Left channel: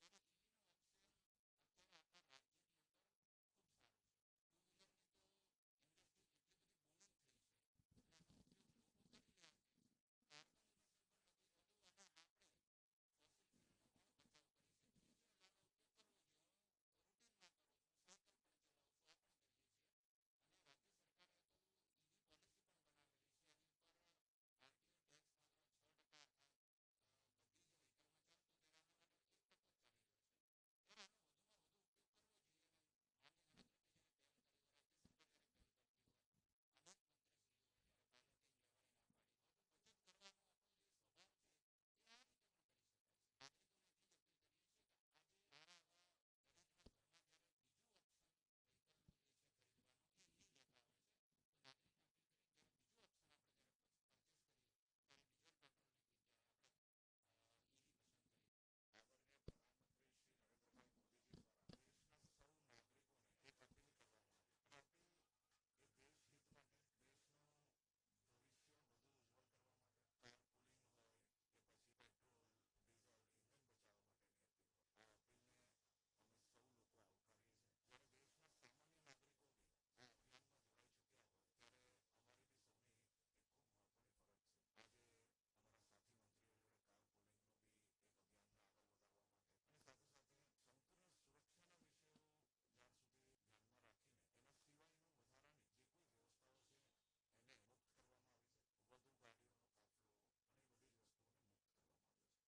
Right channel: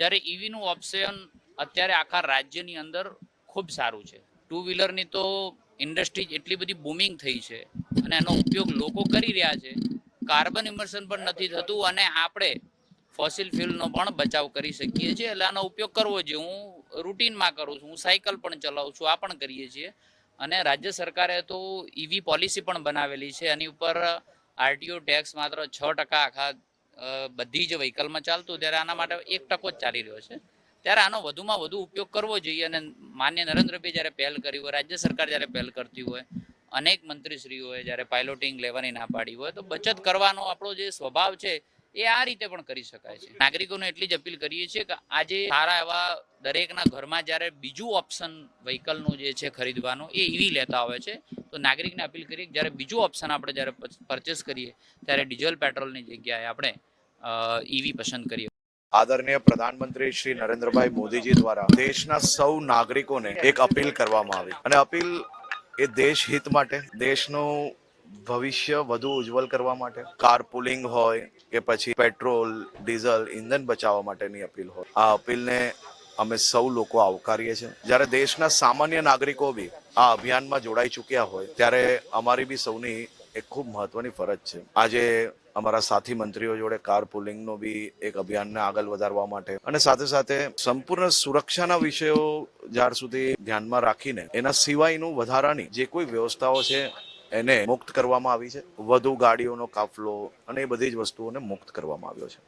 જ્યારે ઈવીનું ઓપ્શન અત્યારે આખા રાજ્યની અંદર ખૂબ સારું છે. ટુ વ્હીલરની તો ઇન્ડસ્ટ્રી એટલી બધી બૂમિંગ થઈ છે અને એનો ઉપયોગ લોકો કરી રહ્યા છે. કાર્બન ઇમર્શન પણ નથી થતું અને આપણે ફોસિલ ફ્યુલનો પણ બચાવ કરી શકીએ છીએ. એટલે આનો ઉપયોગ કરવો જોઈએ. હું રૂટીનમાં કરું છું, હું સાયકલ પણ ચલાવું છું, આ પણ કરીએ છીએ. અને રાજ્ય સરકારે તો ઈવી પોલિસી પણ બનાવેલી છે. એની ઉપર આરટીઓ ટેક્સ માત્ર 6% આખા બધી જ વ્હીકલમાં ચાલતું, ત્યારે આના માટે 1% જ ચાલી રહ્યો છે. ત્યારે આનો વધુમાં વધુ ઉપયોગ કરવો જોઈએ. અને માન્ય નરેન્દ્રભાઈ જ્યારે પહેલ કરી હોય, રાજ્ય સરકાર જ્યારે પહેલ કરતી હોય, અનેક મંત્રીશ્રીઓએ જ્યારે પાયલોટિંગ લેવાની ના પાડી હોય, તો બચત કરવાનો આપણો જે સ્વભાવ છે એ આ રીતે પણ કરી શકાય છે. નાગરિકોને એટલી જ અપીલ કરીએ છીએ કે આજે સારા એવા દરેકના ઘરમાં જ્યારે બીજું ઓપ્શન વ્હીકલનું જે છે ખરીદવાનું એ ઈવી લેતા હોય છે, તો નાગરિકને અપીલ કરીએ કે જ્યારે બીજું ઓપ્શન આપણે જ્યારે પરચેસ કરીએ ત્યારે ડીઝલ પેટ્રોલની જગ્યાએ આપણે ઈવી પસંદ કરીએ. આદરણીય પ્રધાનમંત્રી શ્રી નરેન્દ્રભાઈ મોદીજી દ્વારા દેશના સૌ નાગરિકોને એક અપીલ કરવામાં આવી અને અપીલ એ દેશ હિત માટે, દેશનું ભવિષ્ય વધુ ઉજ્જવલ કરવા માટે, કાર પુલિંગ હોય કે પછી પેટ્રોલ, ડીઝલ, ઇંધણ બચાવવા માટેની અપીલ હોય. આ અપીલને અમે સૌ લોકો આવકારીએ છીએ. જ્યારે દેશના સામાન્ય નાગરિકો બી આ અભિયાનમાં જોડાઈ ચૂક્યા હોય ત્યારે અમારી બી સૌની એક ખૂબ મહત્વની ફરજ છે. આજે અમારા સાથી મંત્રીઓ જોડે કાર પુલિંગનો બી એક અભિયાનને આગળ વધારવા માટે અને સાથે સાથે સંપૂર્ણ સુરક્ષાના વિષયો જ્યાર સુધી ધ્યાનમાં રાખીને એના સિવાયનું વધારાની જે કોઈ વ્યવસ્થાઓ છે એને મુક્ત કરવામાં આવી છે. વધુ ગાડીઓનો કાફલો અને એ બધી જ વસ્તુઓને મુક્ત કરવામાં આવ્યો છે.